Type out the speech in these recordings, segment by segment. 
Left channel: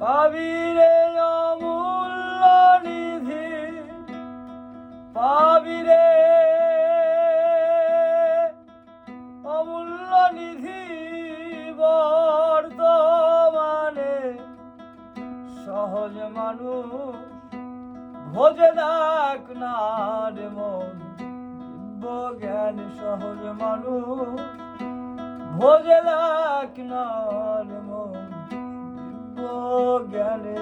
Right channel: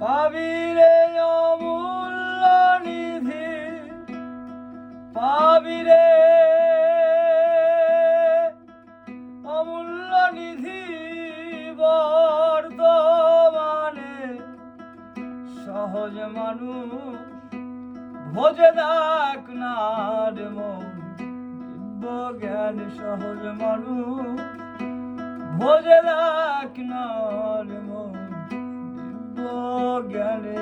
পাবি রে অমূল্য নিধি পাবি রে অমূল্য নিধি বর্তমানে সহজ মানুষ ভোজে দেখ না রে মন জ্ঞান সহজ মানুষ ভোজে দেখ না রে মন। জ্ঞানে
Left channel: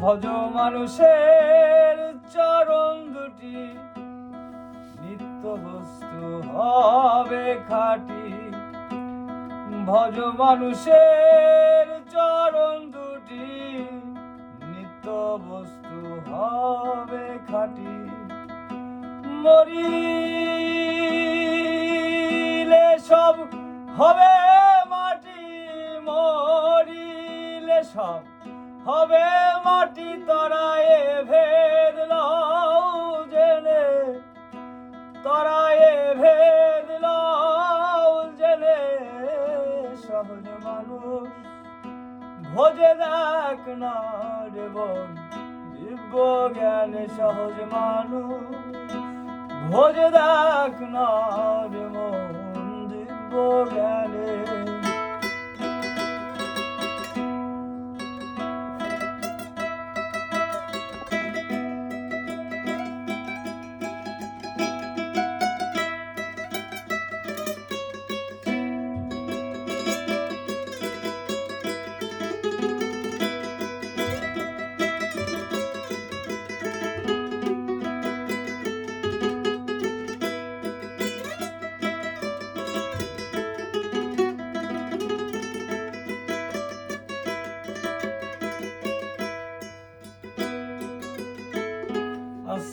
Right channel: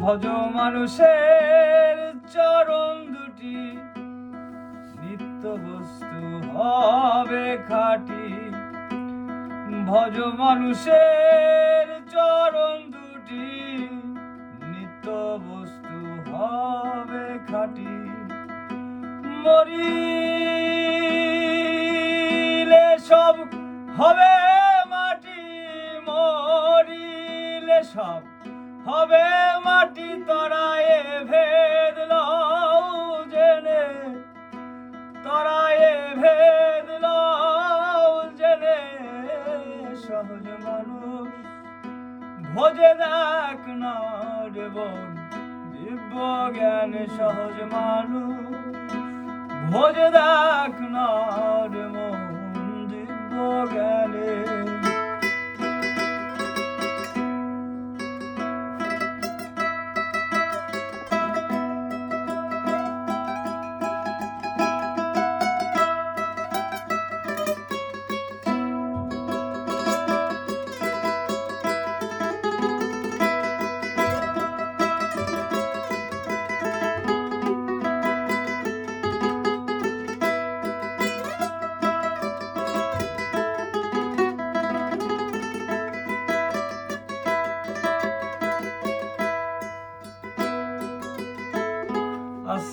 ভজ মানুষের চরণ দুটি নিত্য বস্তু হবে খাটি। ভজ মানুষের চরণ দুটি। নিত্য বস্তু হবে খাটি। মরিলে সব হবে মাটি, মরিলে সব হবে মাটি, তরায়ে ভেদ সহজ মানুষ ভোজে এক নবন দিব্য জ্ঞান সহজ মানুষ ভোজে এক না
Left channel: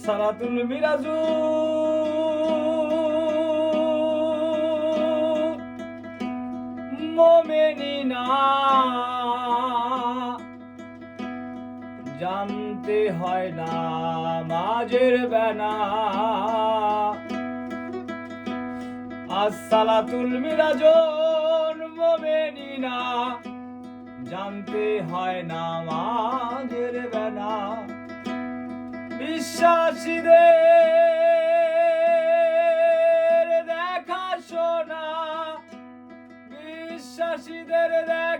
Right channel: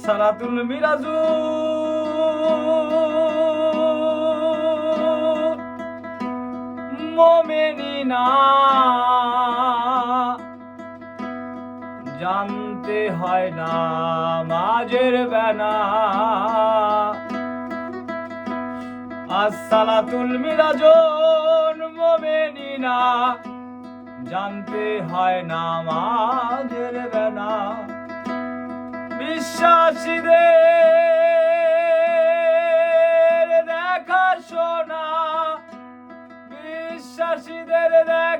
আসসালাতুল মিরাজু। মোমেনিনা, জানতে হয় না মাঝের বেনা আসসালাতুল মিরাজন মোমেনিনা, জানতে হয় না মাঝের বেনা Mishashi de de